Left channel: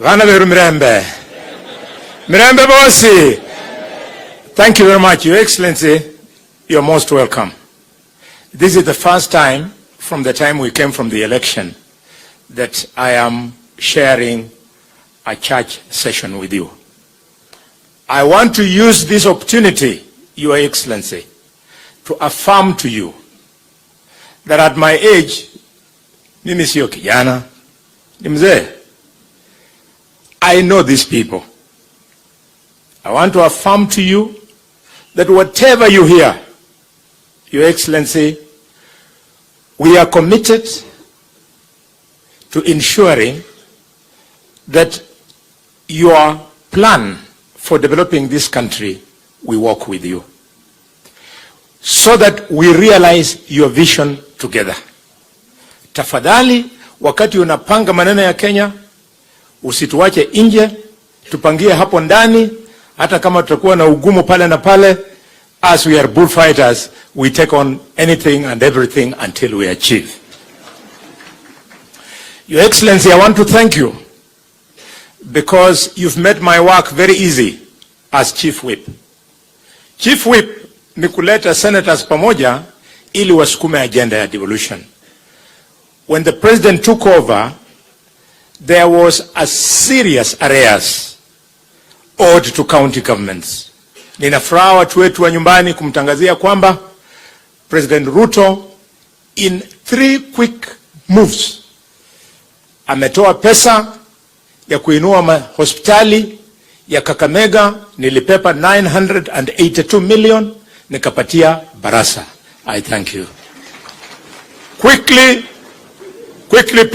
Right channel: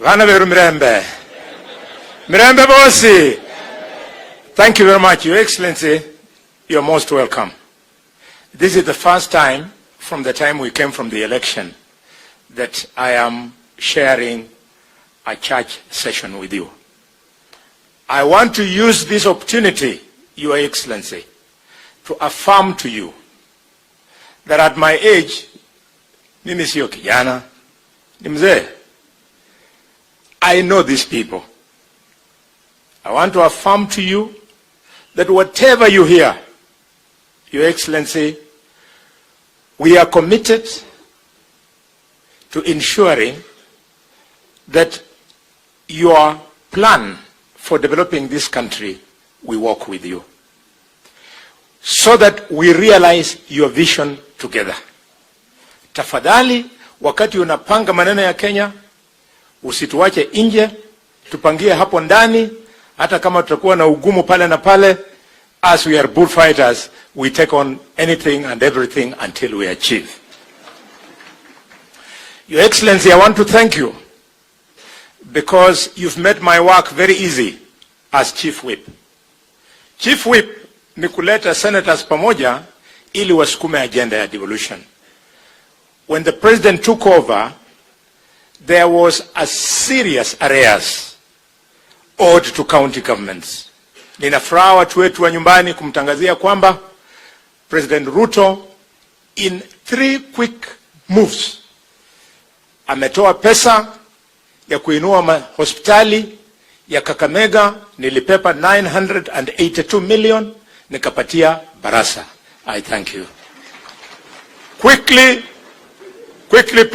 Ghana veru mirembe. Mirembe bosi. Thank you very much, Your Excellency. You're most welcome. This is the first time from the time we came from the election that I am sharing a church session with you. I want to use this opportunity, Your Excellency, to affirm to you that at my age, mimi sio kijana, ni mzee. I know these people. I want to affirm to you that whatever you hear, Your Excellency, we are committed to ensuring that your plan for developing this country, we work with you, so that we realize your vision together. Tafadhali, wakati unapanga maneno ya Kenya, usituache nje, tupangie hapo ndani, hata kama tutakuwa na ugumu pale na pale. As we are bullfighters, we take on anything and everything until we achieve. Your Excellency, I want to thank you because you've made my work very easy as Chief Whip. Chief Whip ni kuleta senators pamoja ili wasukume agenda ya devolution. When the president took over, there was a serious arrears owed to county governments. Nina furaha watu wetu wa nyumbani kumtangazia kwamba President Ruto in 3 quick moves ametoa pesa ya kuinua hospitali ya Kakamega. Nilipepa 982 million nikapatia Barasa. I thank you. Quickly, President